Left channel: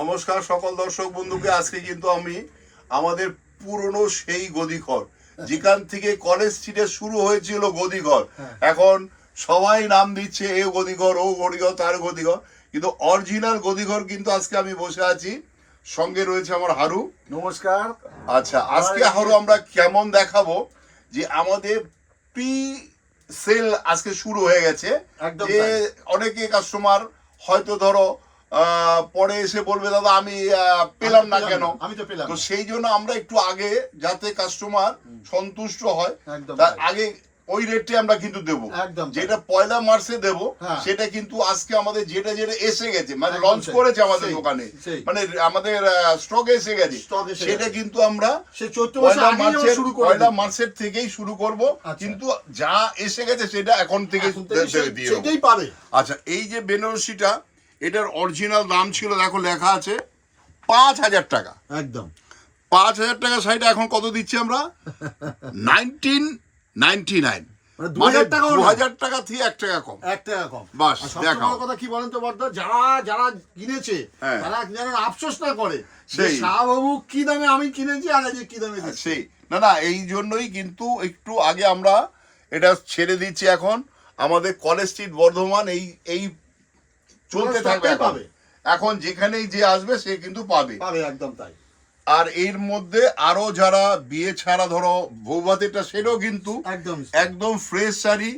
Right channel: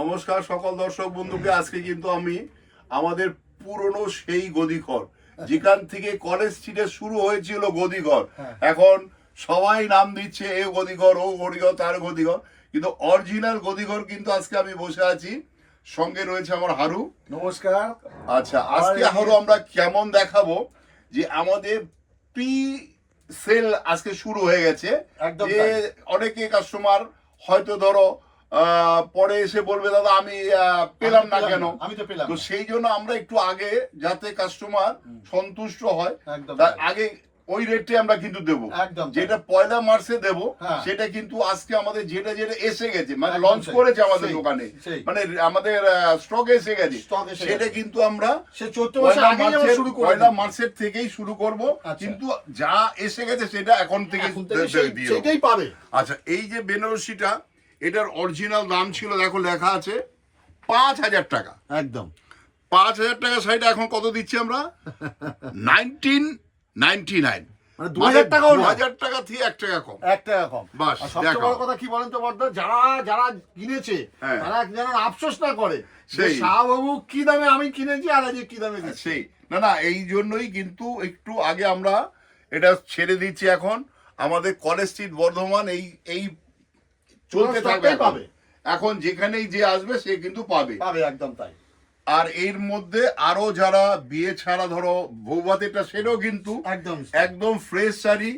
নমস্কার সকল দর্শক বন্ধুকে। আজকে কিন্তু আমি আমাদের পুরনো সেই গদিঘর, যেখান থেকে কলেজ স্ট্রিটে শুরু হয়েছিল গদিঘর, এখন সবাই নাম দিচ্ছে এ গদিঘর, ও গদিঘর, তার গদিঘর, কিন্তু অরিজিনাল গদিঘর কিন্তু আজকে আমি বসে আছি। সঙ্গে রয়েছে আমার হারু। নমস্কার। আচ্ছা, আজকে হারু আমরা কেমন দেখাবো যে আমাদের প্রি সেল আজকে শুরু হয়ে গেছে। যে অনেকে কাস্টমার হয়তো ধরো পরে এসে বলবে দাদা আমি পেলাম না কেন, আমি তো পেলাম, তো সেই জন্য আমরা একটু আগে যাতে কাস্টমার সন্তুষ্ট হয় তার আগে ওই রেটে আমরা কিন্তু দেবো। যেটা পয়লা মার্চে দেবো সেটা কিন্তু আজকে আমাদের যেটা যেটা এসে গেছে, মানে লঞ্চ করেছে আমাদের দোকানে, মানে আমাদের স্টকে এসে গেছে, সেটা কিন্তু আমরা পয়লা মার্চের থেকেই শুরু করব। কিন্তু যা এসে গেছে সেটা এখন থেকে সেটাই পাবে। আচ্ছা, এই যে বেনারসিটা, এটার অরিজিনাল দাম ছিল, দেখো লেখা আছে 5,000 টাকা। একদম 5,000 টাকা শাড়িটা এখন কত দিচ্ছি আমরা? 1999, মানে 2,000 টাকা থেকে 1 টাকা কম, 1 টাকা কম। বাস। সবচেয়ে বড় কথা কি বলেন তো বর্দা, যারা কিনেছে তারা যেন আফসোস না করে সেই শাহবাবু কি দামে আমি কিনেছি আর এই কি দামে দিচ্ছি। সেই না, এই জন্যই কিন্তু একটু আগে আমরা এটা ছেড়ে দিচ্ছি। এখন আমাদের কলেজ স্ট্রিট বর্ধমান এই চলতে থাকবে, পাবে এখন যেখানেই যে আসবে সে কিন্তু পাবে। একদম তাই। আর এর মধ্যে আরো যারা বিয়ে ছাড়া ধরো বৌভাতেটা, সেটাও কিন্তু একদম ফ্রেশ শাড়ি।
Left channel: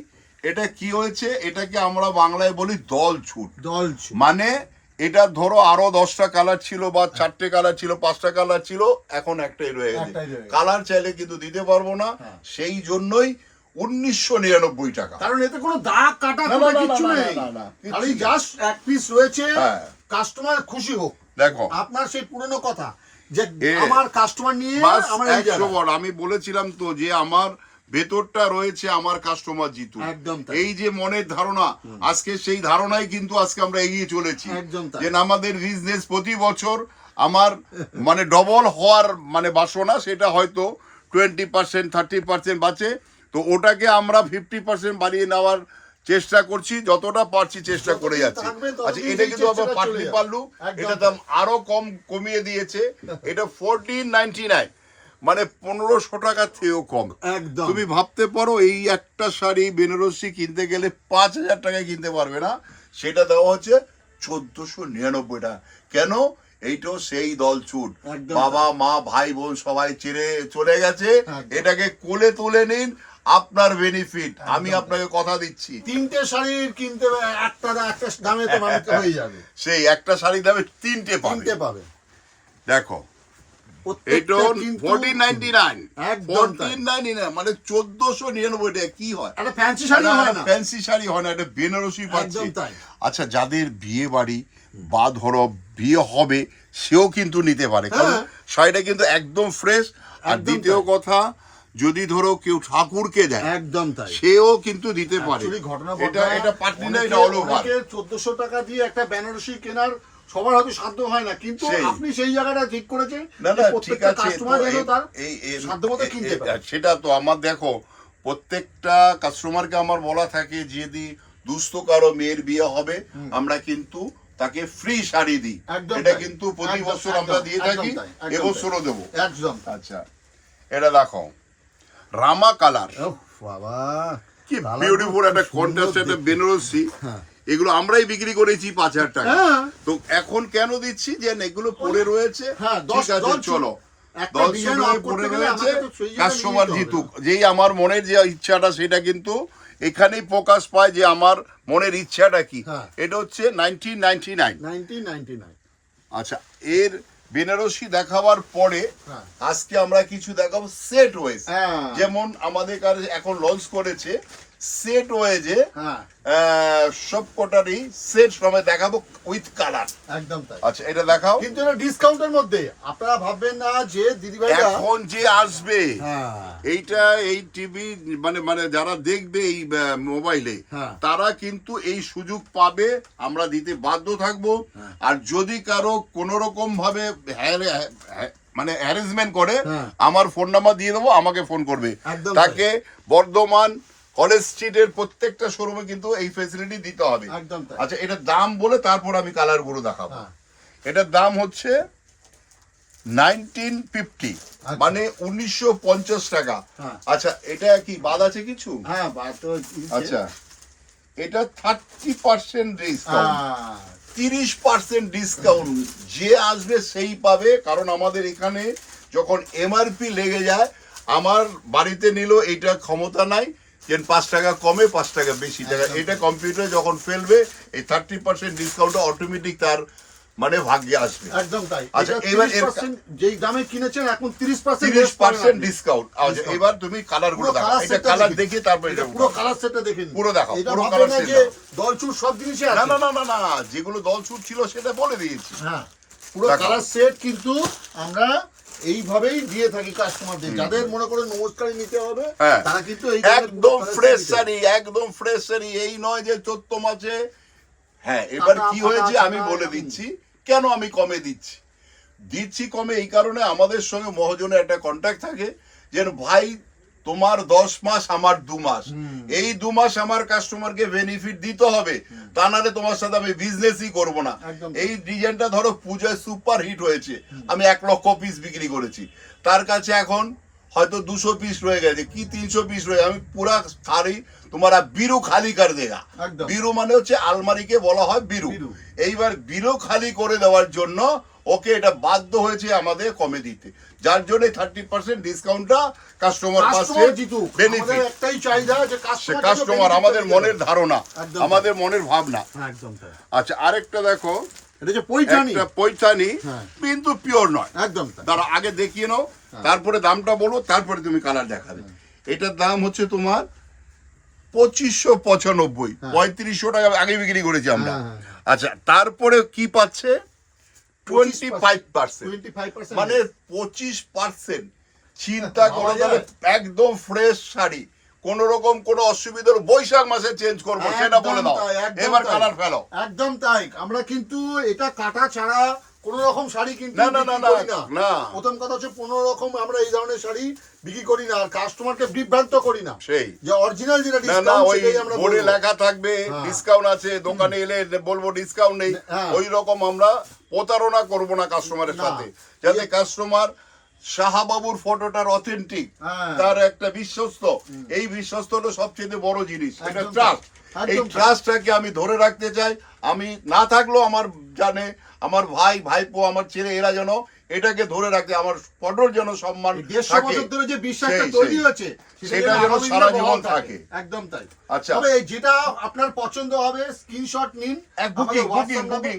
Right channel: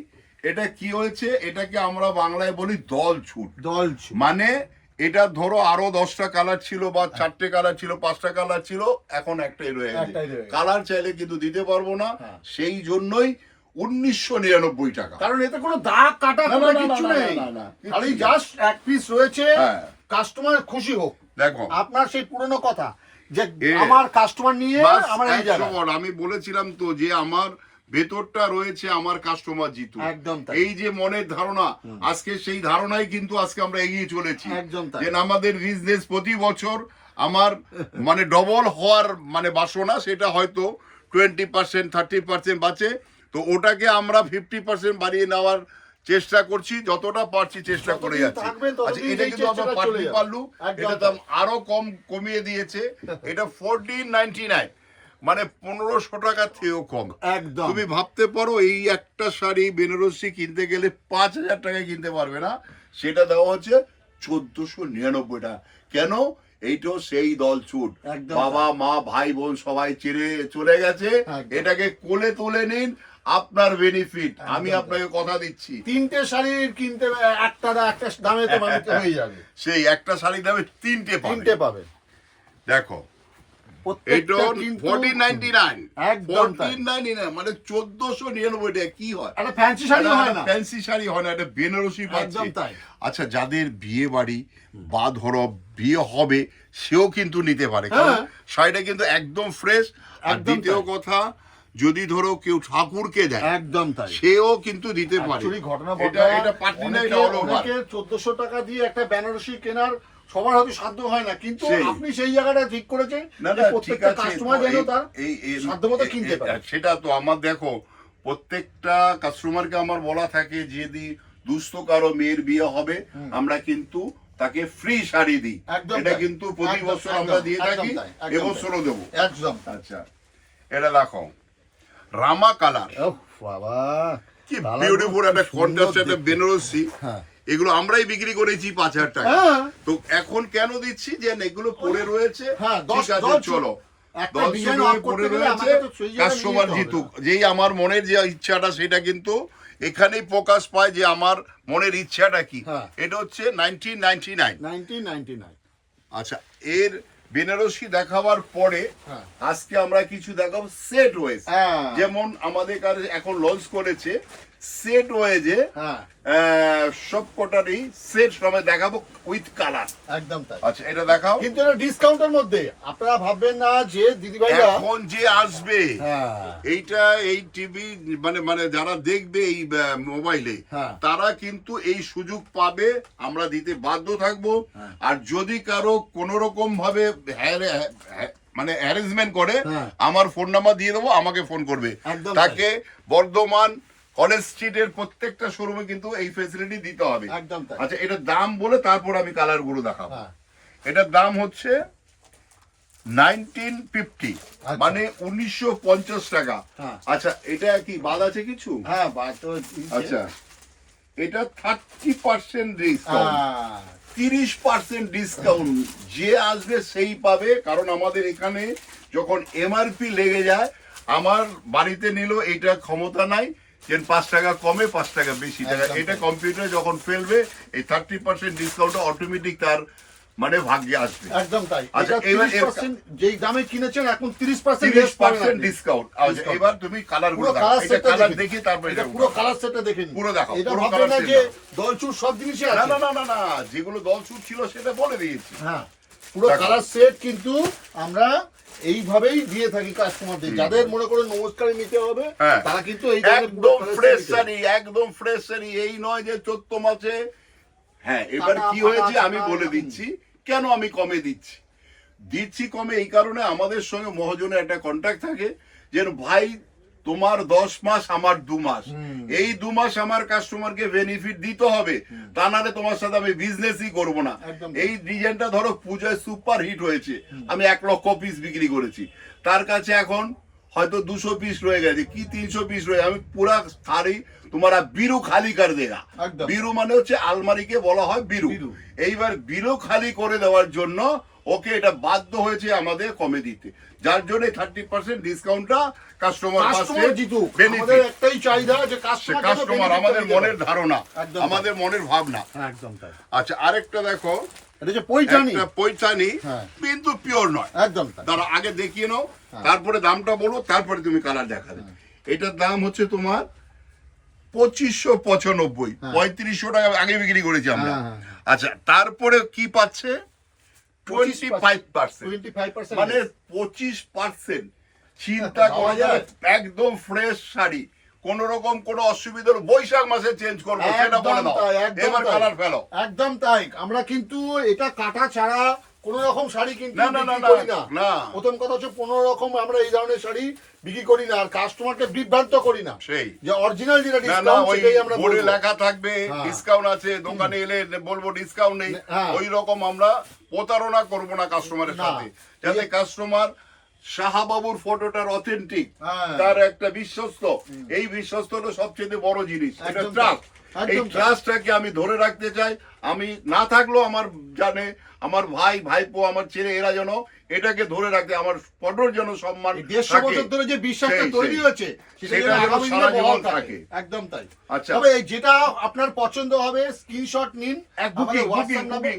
এটা কি হয়েছে, এটাকে আমরা বাংলায় বলি দল ছুট। মানে এটা ধরো আরো 10টা কালার ছিল বা 4টে কালার ছিল, 5টা কালার ছিল, এখন একটাই রয়ে গেছে। কালার চাইলে কিন্তু দিতে পারবো না, সেই জন্যই 1999 টাকা। কারণ এতে কোনো দাগ কাটা কিছু নেই, খালি জাস্ট এক পিস রয়েছে, কাস্টমার খুশি হোক। দেখো আপনার সেই পুরনো কথা যে আমার কাস্টমার নিয়ে আমি বলেছিলাম তো যে আমার ভেতরটা রয়েছে আমার কাস্টমার জিতু, এই যে মনের ধারণা, আজকে সেই ধারণাই কিন্তু আজকে আমরা এগিয়ে চলেছি। যে আমাদের বিজনেস প্রতি বছর আমার মানে ডবল হওয়ার মানে বাসনা, সেটা হয়তো 20%, 30% বাঁচে, তো ওটাকে আমরা 50% বাড়িয়ে নেওয়ার চেষ্টা করছি, যতটা পারছি চেষ্টা করে যাচ্ছি। আচ্ছা, এটা কিন্তু আমরা পারলু, এটা দাম আরো কমিয়ে দিয়েছে, এটা 1499, মানে 1500 টাকা থেকেও কম। তুমি ভাবতে পারো এই একটা শাড়ি বেনারসি কিনতে গেলে 5,000 টাকায় কিনতে পারবে না, সেটা দেওয়া হচ্ছে 1499 টাকা। কেন? এইটাও সেই দল ছুট, বাবা মা ভাই বোন সবাই চিরে চলে গেছে, এটাকে কোলে তুলে নিন, আপনার বেনিফিট। আমি আপনাকে কথা দিচ্ছি, 3টে শাড়ি কিনতে একটা দামে তো মানুষ হয়ে যাবে, সেই একটা শাড়ির দামে 3টে পাবে। দেখো এটা 1499, মানে 1499 টাকা। কি হয়, একটা ফ্যান্সি শাড়ি হয় না, ফ্যান্সি শাড়ি হয় না, এটা বেনারসি পাচ্ছি। আচ্ছা, যাদের বিয়ে বাড়ি বা ধরো বিয়ে হবে সেও কিন্তু নিতে পারে, কারণ শাড়িটা কিন্তু একদম ফ্রেশ। আর দ্বিতীয় কথা, যদি ধরো কেউ ঠাকুরকে দেয় সেও কিন্তু দিতে পারে। এটা পাটনি না, এটা হলো 1400 টাকা দিয়ে একটা বেনারসি কেনার সবার হয়তো সাধ্য হয় না, কিন্তু আপনি সেই জায়গাটা ঠিক করেছেন প্রত্যেকটা কাস্টমার যেন তার সাধ্যমতো কিনতে পারে। সেটা তো আমার, দেখো প্রত্যেকটা কাস্টমারকে আমার বলা থাকে, যদি দুস্থ কারো মেয়ের বিয়ে হবে আমরা কিন্তু তাকে ফ্রি শাড়ি দিই, এটা কিন্তু প্রতি বছর আমরা দিয়ে থাকি, এবছরও দেবো। আচ্ছা, এটা দেখো রামা কালার, বাবা কি বিউটিফুল একটা কন্ট্রাস্ট, একটা বেনারসি। এগুলো আমরাই বিক্রি করেছি 5,000 টাকা, তো এখন কেন দিচ্ছি যে এগুলো পড়ে রয়েছে, ঠিক আছে চলো 10 পড়ে রয়েছে, কাস্টমার জিতুক। যেই আমার মনের যে ইচ্ছাটা সেটা কিন্তু এখানেই প্রকাশ পায় যে আমার মনের ইচ্ছাটা কি। এটা হচ্ছে 1999। আচ্ছা, এর বেনারসি দেখাবার পরে আজকে আমরা কিছু দেখাবো সেট ওয়েজ, যেমন আমাদের কাছে এখন লঞ্চ করেছে সেট ওয়েজে, সব কটারই সেট সময় দেখাবো উইথ কালার। একদম তাই। আচ্ছা, এটা দেখাও, কিন্তু এটা ডিসকাউন্টের মধ্যে। আপনারা ভাববেন না যে দিদিভাইরা এখন যে আসবে এইটা এই টিভি মানে যারা দেখবে এই মোবাইলে, তারা কিন্তু এই সুযোগ পাবে, আমরা দিতে বাধ্য থাকবো। আর যদি কারো কোন রকম ভাবে মানে অ্যারেঞ্জমেন্ট করে, আমার ফোন নাম্বার দিয়ে দেবো, আমাকে ফোন করবে, তাকে বর্ধমান কলেজ স্ট্রিটের প্রত্যেকটা শোরুমে কিন্তু এই ফ্যাসিলিটি দিতে হবে। একদম। আচ্ছা, এটা দাম বলে তারপর আমি কালার গুলো দেখাবো। এটার দাম হচ্ছে 1950, মানে 1950 টাকা। আচ্ছা এটা কি বাদ আছে কিছু? হ্যাঁ বাদ তো। আচ্ছা এটা 30% ডিসকাউন্ট, 30% ডিসকাউন্ট যে আসবে সেই পাবে। কারণ আমাদের এখানে যখন এমআরপি লেগে যায়, আমার বাড়িতে নিল এটা ক্ষমতা নাই যে 5 টাকা কমে 5 টাকা বেশি টাকা, এটা কম্পিউটারে যখন ফেলবে এই 30% ডিসকাউন্টটা অটোমেটিক তার মানে ভাগ্যে আসবে। একদম তাই। আচ্ছা এবার যেই দামে কিনেছেন এখন 30% ডিসকাউন্ট। আচ্ছা এবার তুমি কালার গুলো দেখো, এটা কালার দেখি তারপর এটা পুরো কালার সেটটা দেখুন, পুরো দেখো। এটা ভাববে না যে দলচুর সব জিনিসই আছে, না না না না, যেগুলো দলচুর ছিল সেটা বলে দিয়েছি। হ্যাঁ পুরো কালার সেট কিন্তু আমরা এইভাবেই দিয়ে থাকি কাস্টমারদের। যাদের মনে করে নমস্কারী নিতে হবে তারা কিন্তু এই একদম ফ্রেশ শাড়ি, একদম ফ্রেশ শাড়ি, এই নয় যে 14 মাসে। হ্যাঁ এবার কি হয়েছে আমি বলে দিচ্ছি কেন আমি কমে দিচ্ছি কমে। এই কারণে আমাদের সঙ্গে মহাজনের একটা কন্ট্যাক্ট থাকে যে ভাই তোমার 10 মাস আমার 2 মাস, এই 2 মাস আমার কাস্টমারকে বেনিফিট দিতে হবে, তা নাহলে তোমার সাথে আমি বিজনেসই করব না। এই ডিজাইনটা ধরো পূজায় সুপার হিট হয়েছে, আমি 1 লক্ষ পিস বিক্রি করেছি, তার কাছে এখন হয়তো 200 পিস রয়ে গেছে কি 300 পিস রয়ে, আমি পুরা শাড়ি তোমারা বিরু খালি করে দেয়া। বিরু মানে হচ্ছে আলমারিকে বলা হয় বিরু। এইবার বিরু খালি করে দেওয়ার জন্য ওকে এটা বাধ্য হয়েছে আমাদের কমে দিতে, যার জন্য 30% ডিসকাউন্টটা কাস্টমার পাচ্ছে। আমাদের একটাই চাহিদা যে কাস্টমার, আমাদের মনের ধারণা, আমাদের মনের ভাবনা। একদম তাই। আচ্ছা আরেকটা দেখো, এটা যে পৈঠানি, পৈঠানি কিন্তু পিওর নয়। একদম তারা আগে দেখিয়ে নাও, তারপরে দামটা বলো, তারপরে তুমি কালার দেখাবে। এটার দাম হচ্ছে তোমার 2595, 3500 টাকা আগে বিক্রি করেছি আমরা। আচ্ছা তারপরে কি পাচ্ছে 25%, মানে 25%। চিন্তা করা যাবে, একদম ফ্রেশ শাড়ি, কোন রকম কোন অসুবিধা, বৈশাখ মাসে চেঞ্জ করবো সেটা বলে দাও, এবার কালার ফেলো। একদম তাই। আমরা কিন্তু এটা কাটা ছাড়া কোন রকম শাড়ি কিন্তু না। প্রথম কথা হচ্ছে 15 রকম আমরা এই ধরনের শাড়ি বিক্রি করি না, আর কাস্টমারকে বিভ্রান্ত করি না। সেই যে অরিজিনাল যেটা ডিসকাউন্ট সেটাই আমরা বলবো, বোর্ডে লেখা থাকবে ডিসকাউন্ট আছে, দোকানে এলে বলবো ডিসকাউন্ট নেই, ওই রকম আমরা প্রতারণা করব না কাস্টমারের সাথে, যাতে কাস্টমার শাহবাবুর ফটোটার অথেন্টিক, তার একটা বিশ্বস্ত, এই বিশ্বস্তটা সবচেয়ে বড় জিনিস, এটা ট্রাস্ট। এই ট্রাস্টটাকে আমি ধরে রাখতে চাই। আমি না থাকলেও আমার জানে আমার ভাই ভাইপো আমার ছেলে এরা যেন এটাকে ধরে রাখতে, আমার ফটোর যেন সম্মান থাকে। 150 বছর ধরে যে বিশ্বাসটা তৈরি হয়েছে সেটা যেন সারা জীবন থাকে। একদম তাই। আচ্ছা তবে যেটা আপনার পছন্দ হবে স্ক্রিনশট নিন,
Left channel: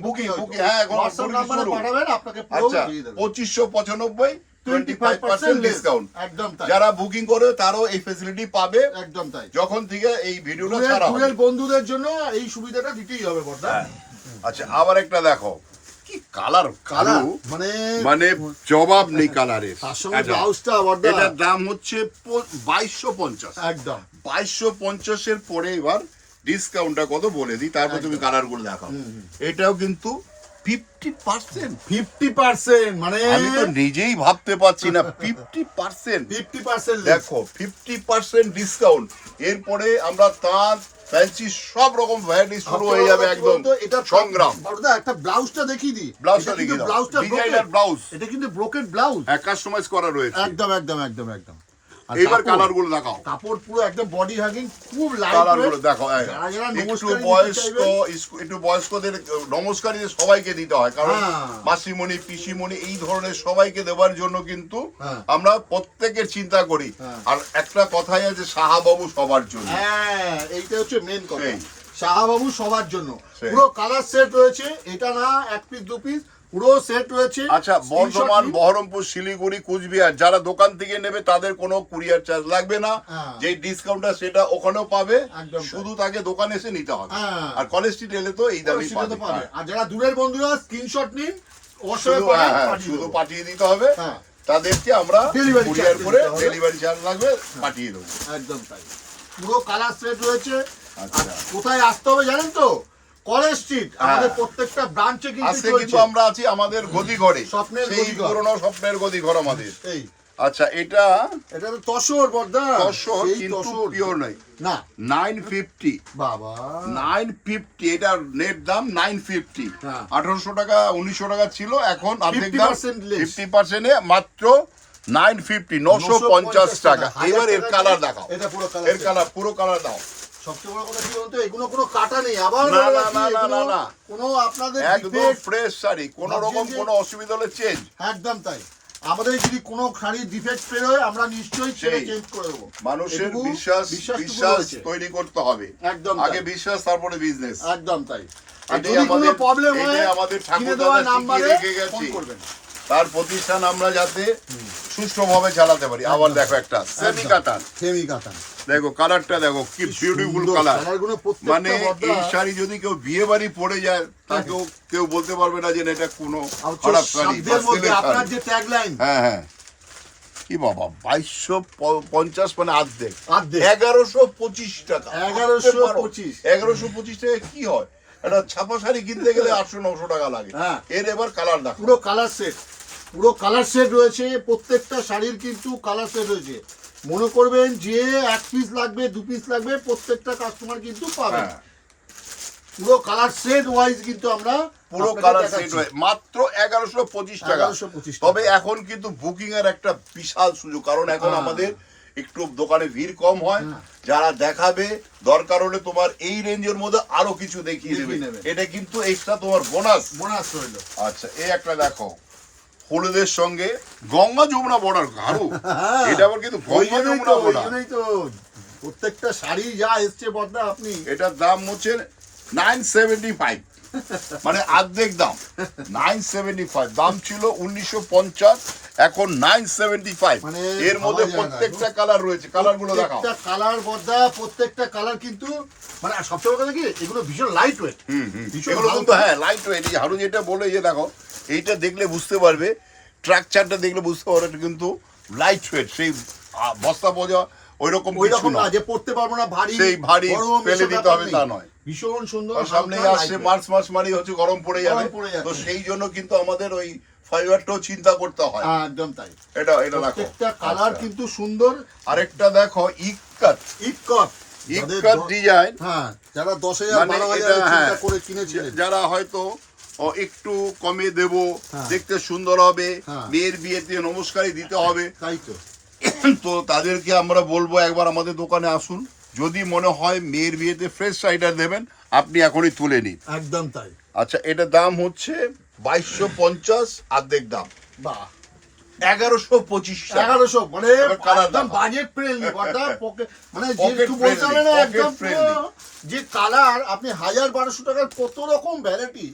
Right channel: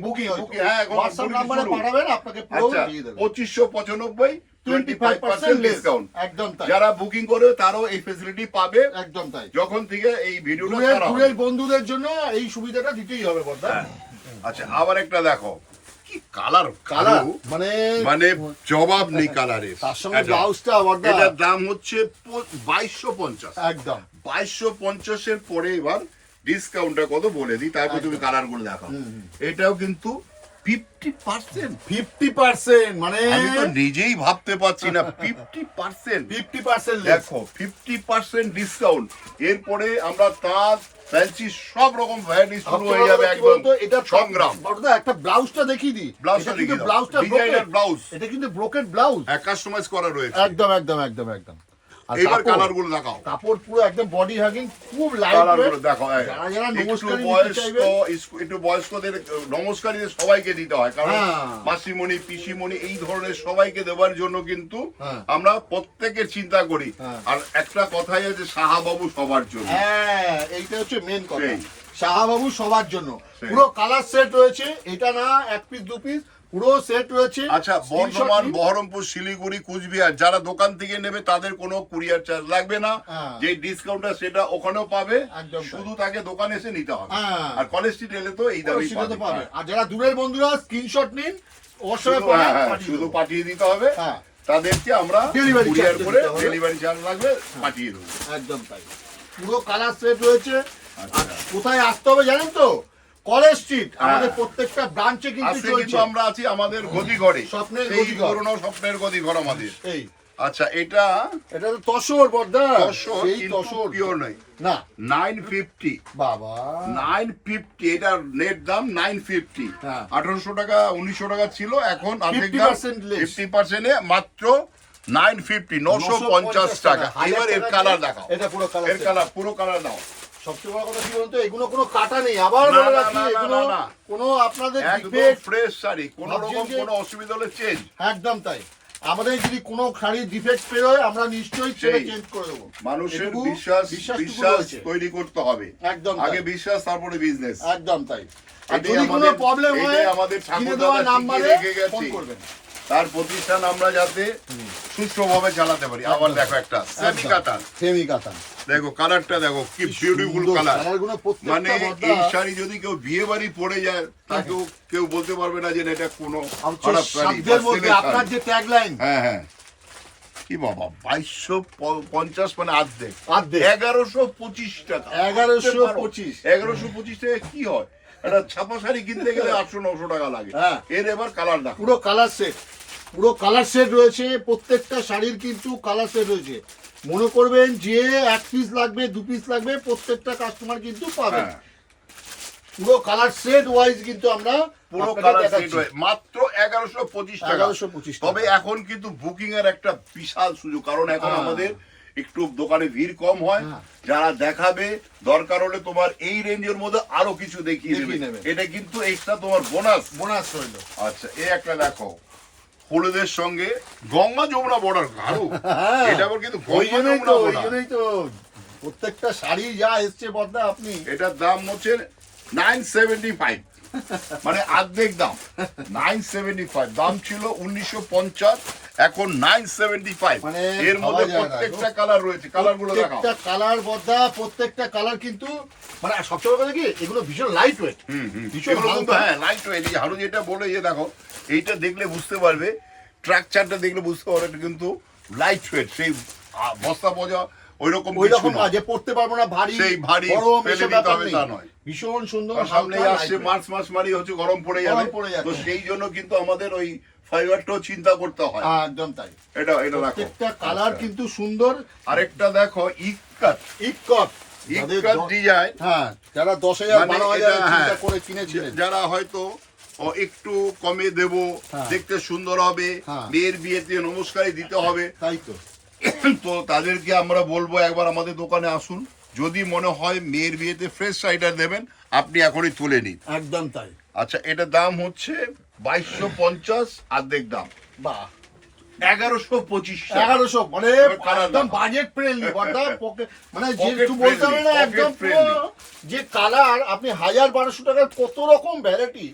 বুকিং হ্যাঁ হোয়াটসঅ্যাপ নম্বরে পাঠাবেন, আপনাকে পুরো দিয়ে দেব। 2595 25% ডিসকাউন্ট। একদম তাই। যারা বুকিং করে তারাও এই ফ্যাসিলিটি পাবে। একদম তাই। যখন থেকে এই ভিডিওটা ছাড়া হবে, দূরের বন্ধুদের জন্য এই সুবিধাটা দিতেই হবে বড়দা। আচ্ছা আবার একটা দেখো, কি কালার মানে মানে জবাব নেই কালারের। তার সঙ্গে ব্লাউজটা বড়দা, এটার দাম হচ্ছে 2250। একদম 2250 এর পরে এবার ডিসকাউন্টটা কত বলে দিই, তারপর তুমি কালার গুলো দেখো। এটাও কিন্তু 50%, মানে আমি তো নিজেই ভাবতে পারছি না। 50% দেখো, 50% ডিসকাউন্ট। এরপরে আমরা তাজ ফ্যান্সি সব রকম ভ্যারাইটি শুরু হয়ে যাবে একদম। এটা সংগ্রাম। বড়দা একটা ব্লাউজটা দেখিয়ে দিই, ব্লাউজটা দেখিয়ে দাও, ব্লাউজটা ডিজাইনার ব্লাউজ, এটা কিন্তু ব্রোকেড ব্লাউজ, কাস্টমাইজ করা রয়েছে। একদম একদম একদম একদম। এবার কালার গুলো দেখাও, কাপড় পুরো একদম বডি হ্যাগিং, খুব লাইট ওয়েট। দেখো একটু বয়স্কদের নমস্কারীদের সবাইকে দিতে হয়, কারণ মাসিমণি পিসিমণি এই ধরনের সবাইকে দেওয়ার জন্য কিন্তু আমরা প্রত্যেকের চিন্তা করি। আর একটা কথাই আছে, শাহবাবু সবার জন্য। হ্যাঁ এইটা হচ্ছে মেন কথা, শাহবাবু সবার জন্য। পুরো কালার সেট রয়েছে, এটা না 1 পিস 2 পিস, পুরো সেট রয়েছে। আচ্ছা বর্ধমান, বহরমপুর, শিলিগুড়ি, কুচবিহার যারা দোকান থেকে নেবে তাদের কোনো কুরিয়ার চার্জ লাগবে না। যে ডিসকাউন্টটা সেটা ওখানেও পাবে, শুধু তাকে দোকানে এসে নিতে হবে। আর কলেজ স্ট্রিট এলে তো এই দামই পাবে। আর যারা দূরের বন্ধুরা স্ক্রিনশট নিন, অবশ্যই শুধু পাঠিয়ে দিতে হবে, তাদেরকে আমরা কুরিয়ার করে ডেলিভারি চার্জ লাগবে পাঠিয়ে দেবো। একদম তাই। পুরো কালার সেট রয়েছে। কোথায় আসতে হবে জানেন তো? কলেজ স্ট্রিট, আমাদের প্রত্যেকটা ব্রাঞ্চে কিন্তু আমরা আছি আমাদের গদিঘরে, স্বপ্নের গদিঘর, পুরনো স্বপ্নের গদিঘর আমাদের। আচ্ছা এটা এটা তো তসর বর্দা, সেই তসর পিওর নাই না 950 বাবা 950 এটার নেট দাম 950 হ্যাঁ। 1800 টাকা 1900 টাকা ছিল এখন অর্ধেক দাম 50% less। 50% এ মাত্র 950 950 টাকা। এবার এর কালার দেখাও, এটা পুরো কালার, এর কালার পুরো কালার দাও। সবচেয়ে বড় কথা কি বলতো, এগুলো কোনো কাটা নেই, আবার না, বলে না, রাখি না, না, এগুলো না, না। কোনো আপনাদের একদম ডিফেক্ট, ফ্রেশ শাড়ি, কোনো রকম ভাবছেন যে- কোনো অসুবিধা হলে চেঞ্জ। একদম তাই। আমাদের যদি কোনো শাড়ির ডিফেক্ট বেরোয় আমরা নিশ্চয়ই সেটা সেই। চেঞ্জ করে দেবো। মানুষের এটুকু বিশ্বাস রয়েছে। তৈরি করতে হবে। একদম আগে তাই। বিশ্বাস তারপরে বিজনেস। একদম তাই। আর এটাই যদি কোনো আমাদের- প্রবলেম হয় এটাই আমাদের কিনে ঠাকুরদাদা দেওয়া শিখিয়ে নাম্বারে রেখে গেছে। ফোন করবেন। তার প্রতিষ্ঠান আমরা যাতে সুষ্ঠুভাবে চালাতে পারি। আবার দেখো একটা সেমি কাতান, সেমি কাতান, দেখো কালারটা দেখো কি বিউটিফুল কালার। কালারগুলো মানে প্রত্যেকটা বর্দা এই শাড়ি যদি কেউ বিয়ে বাড়ি পরে যায় তাকেও কেউ বলতে পারবে না যে না, এটা কোনো খারাপ শাড়ি। শব্দের মধ্যে আপনার যে ট্যাগলাইন, হ্যাঁ হ্যাঁ, কি বাবা 2250 মানে অর্ধেক, অর্ধেক 1125 টাকা। 1125 1125 টাকা কি হয়? একটা ছাপা শাড়ি কিনতে গেলে 800-900 টাকা লাগে। হ্যাঁ। এর এবার কালার দেখো, পুরো কালার সেট, পুরো কালার সেট রয়েছে। প্রত্যেকটা শাড়ির কিন্তু কালার সেট রয়েছে। মনে করবেন যে এক পিস লাগবে, দু পিস লাগবে, প্রত্যেকটা কাস্টমার কিন্তু পাবেন। হ্যাঁ। পুরো কালার সেট ওয়াইজ কিন্তু আমরা পুরো আপনাকে কালার দেখাচ্ছি। সেট হয় মাত্র 1125 টাকা। 1125 টাকা। তবে এখন কিন্তু বুকিং এর একটা বিশাল সুযোগ, কারণ এখন হ্যাঁ। আমাদের একটু দোকানে ভিড় কম হয়। হ্যাঁ। যারা দেখাবে, দরকার হলে তোমার এই রেঞ্জের মধ্যে আরো কিছু দেখিয়ে দেখিয়ে দেবে। নেবে। এটা কিন্তু এক্সট্রা তোমার বোনাস। বোনাস রইল। আচ্ছা এই একটা দেখো, হলুদের সঙ্গে গঙ্গা যমুনা বর্ডার হারু, হ্যাঁ। এটা আবার কিন্তু ওই গঙ্গা জন্যই যমুনা তো, ওই border। জন্যই তো প্রত্যেকটা শাড়ি যা এসছে বর্দা আপনি এটার দাম হচ্ছে 975, মানে অর্ধেক দাম। 975 দাম ছিল 1950, এখন 975। মানে এর মধ্যে ভাবা যায় না। প্রত্যেকটা কালার রয়েছে, কালার গুলো দেখাও। প্রত্যেকটা কালার বর্দা, প্রত্যেকটা কালার কিন্তু মানে সবচেয়ে বড় কথা কি, এগুলো ভীষণ লাইট ওয়েট, ভীষণ এগুলো কিন্তু হ্যাঁ লাইট ওয়েট। এই হারু যেটা বলে যে দেখো, এইটা দেখলে বুঝতে পারবে, স্ট্রাকচারটা দেখলে বুঝতে পারবে এটা কিন্তু লাইট ওয়েট। সেই বস্তা বোঝা ওইরকম ওই রকম না যে পড়তে পারবো না, ভারী সেই ভারী গরম ফেলে এসব দিতে ব্যাপার হবে নেই। তা নয়। ভীষণ সুন্দর সামনে হালকা আসছে lightweight। মার্চ মাস মানে হচ্ছে গরম পড়ে গরম পড়ে যাবে, যাবে। তো সেই জন্য কিন্তু আমাদের ওই ফাইবারটাও চিন্তা করতে হয়। একদম তাই। এটা এটা দেখো প্রত্যেকটা কালার আচ্ছা। কিন্তু সুন্দর। আরেকটা দেখো ইকাত, ইকট ইকাত ডিজাইন। হ্যাঁ, যারা 10,000 মানে 12,000 এটা, চিন্তা হ্যাঁ, করে কিনেছিলেন, যারা হয়তো একটু কমে দেব, হ্যাঁ। দেখতে সুন্দর হবে, হ্যাঁ। মেয়ের বিয়েতে নমস্কারই দিতে হবে, তাই তো। তো তাদেরকে আমরা বলবো একবার আমাদের দোকানে আসুন। যদি মনে হয় মেয়ের বিয়েতে ফ্রেশ শাড়িটা দেবেন, আপনি এখনই তুলে নিন। একদম তাই। আচ্ছা এটার দাম হচ্ছে 2250, অর্ধেক দাম বাহ, 1125 টাকা। 1100 মানে এবার colour একদম দেখো। বাজেট ফ্রেন্ডলি বর্দা, মানে যে Pocket একটু বলতে হবে না, friendly, একদম pocket friendly। পুরো যে কালার আপনি 1000-1200 টাকার কত রকম ভ্যারাইটি,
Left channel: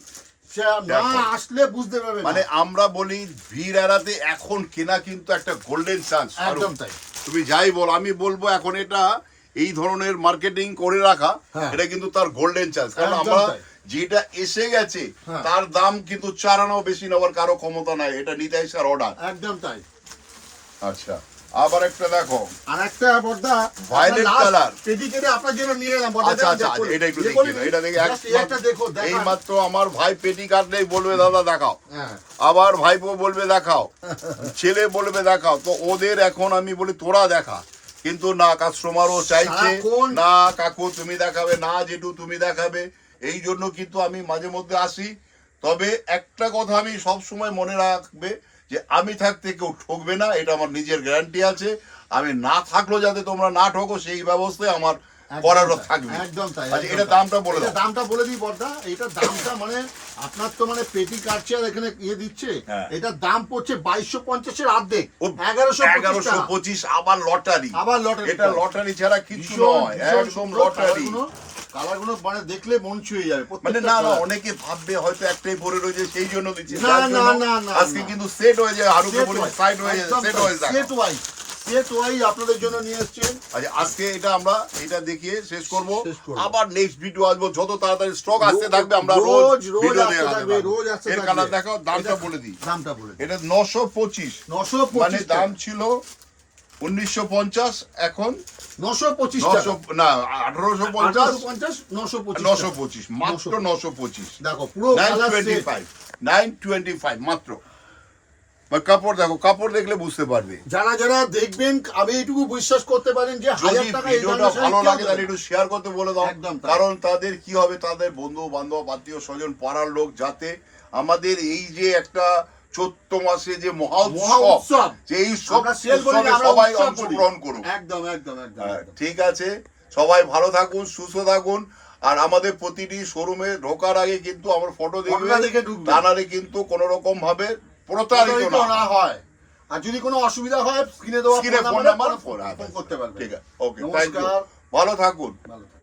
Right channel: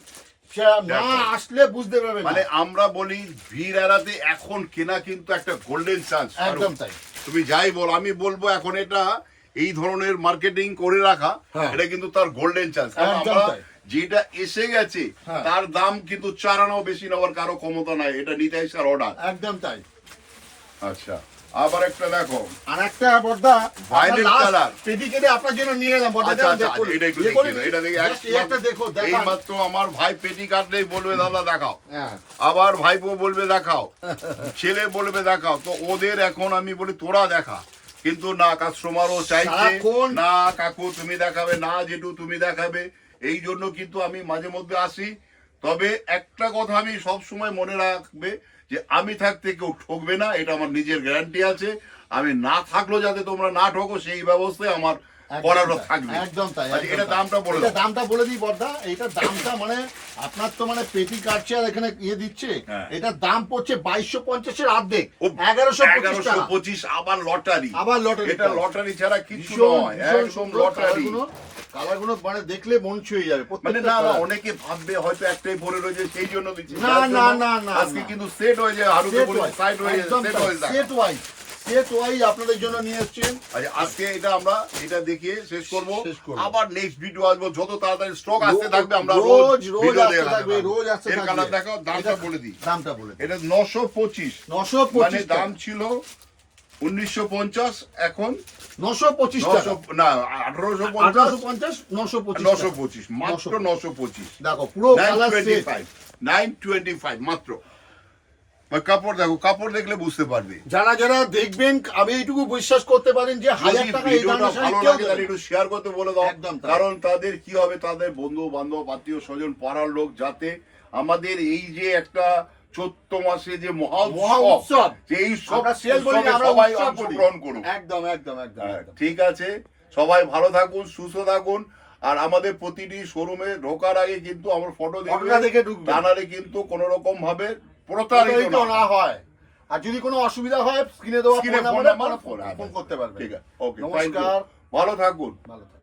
সে না দেখো। আসলে বুঝতে পারবেন মানে না। আমরা বলি ভিড় এড়াতে এখন কেনা কিন্তু একটা গোল্ডেন চান্স। একদম তাই। তুমি যাই বল, আমি বলবো এখন এটা এই ধরনের মার্কেটিং করে রাখা, হ্যাঁ। এটা কিন্তু তার গোল্ডেন চান্স। কারণ একদম আমরা তাই। যেটা এসে গেছে হ্যাঁ। তার দাম কিন্তু 4 আনাও বেশি নেওয়ার কারো ক্ষমতা নাই, এটা নিতে স্যার অর্ডার। একদম তাই। আচ্ছা আবার একটা দেখো, আর একটা বর্দা Violet color। পেটি কেটে আপনার জন্য নিয়ে এলাম বর্দা। আচ্ছা আচ্ছা আচ্ছা, এটা একটু দেখিয়ে দাও, এটা দেখে একটা দেখো, এই দেখান। মাত্র আমার ভাই পেটি কাটলেই বলবে দাদা দেখাও, হ্যাঁ, আবার ভাইপো বলবে দেখাও, ছেলে বলবে দেখাও, তো ওদের এখন আমি বলি তোরা দেখা, কিন্তু না কাস্টমারও চাইছে সারাক্ষণ- না কাকু তুমি দেখাবে, না জেঠু তুমি দেখাবে। এই জন্য কিন্তু আমি মাঝে মধ্যে আসি। তবে একটা কথা আমি সব সময় মনে রাখবে যে আমি থাকতে কেউ ঠকবে না, এটা আমার নিজের গ্যারান্টি আছে। আমি না থাকলেও যাতে তোমরা না ঠকো সেই ব্যবস্থায় আমার করারও থাকবে। একদম তাই। আচ্ছা, এটা দামটা বলে এটা দাও। দামটা বলে দিই বর্দা। এটা দামটা মানে আপনার তো মানে পেটি কাটছে আর এখানে ইয়ে দিচ্ছে, হ্যাঁ। এটার দাম পড়ছে 2250 এর অর্ধেক, ও, 1125 টাকা। 1125 আবার লটারি, আবার লটারি। এটা লটারি ছাড়া কিছু ভীষণ নয়, ভীষণ একদম সুন্দর লটারি। কালারগুলো মানে দেখলে মন ছুঁয়ে যাবে মানে প্রত্যেকটা না না, colour। অনেকে ভাববে হয়তো একটাই পরে রয়েছে সেই জন্য দিচ্ছে, না, যার না, জন্য না, না, আজকে না। কিন্তু সেট হয়ে যায়, হারুকে Set বলে wise, সাইড হয়ে যায়, একদম সেট তাই, হয়ে যায়। set wise, set wise আপনাদের জন্য নিয়ে এসেছেন। আচ্ছা আজকে এটা আমরা এটা দেখিয়ে শেষ করব, শেষ করবো। আবার নেক্সট ভিডিও আসবো, যত তাড়াতাড়ি স্টক আসতে থাকবে আমরা রোজ ভিডিও আসতে দেখাতে থাকবে, পারবো। রোজ আসতে এর থাকবে। কালার দেখো, দামটা এটা- বলে দিই। দামটা বলে দিই। এটা 925, 925 মানে টাকা। দাম ছিল 1950, এখন 925 টাকা। 900 না 1850, 1850, 925 টাকা। 925 মাত্র 925। দেখো পুরো কালার সেট। 925 925 মাত্র। কাপড় দেখো, কাপড় দেখলে বুঝতে পারবে। যারা যারা দেখবেন আমি এইটুকু বিশ্বাস করতে পারেন যে 1000 টাকা এই ধরনের শাড়ি ভালো কেউ লাগে দেবে তাহলে না। একটু শেয়ার করতে বলে দাও, একদম তাই। কারণ তাদের কি হবে, তাদের বন্ধু বান্ধব আত্মীয় স্বজন পাড়ার লোক যাতে আমাদের এই যে একটা চৈত্র মাসে যে মহা উৎসব, যে এই আমরা সেল বলি না, আমরা সবাই উৎসব বলি। অংশগ্রহণ করুন। একদম একদম একদম একদম। ঠিক আছে, সবাই ভালো থাকুন, সুস্থ থাকুন। আর আমাদের প্রতিটি শোরুমে ঢোকার আগে কিন্তু আমার ফটো ফটোটা দেখে ঢুকবেন। তা নাহলে কিন্তু কোন রকম ভাবে প্রতারিত না হয়। আর যদি কোনো অসুবিধা হয় স্ক্রিনে দেওয়া স্ক্রিনে ফোন ফোন নাম্বারে নাম্বার ফোন করতে পারবেন। ঠিক আছে, ওকে, থ্যাংক ইউ, নমস্কার, ভালো থাকুন। ভালো থাকুন।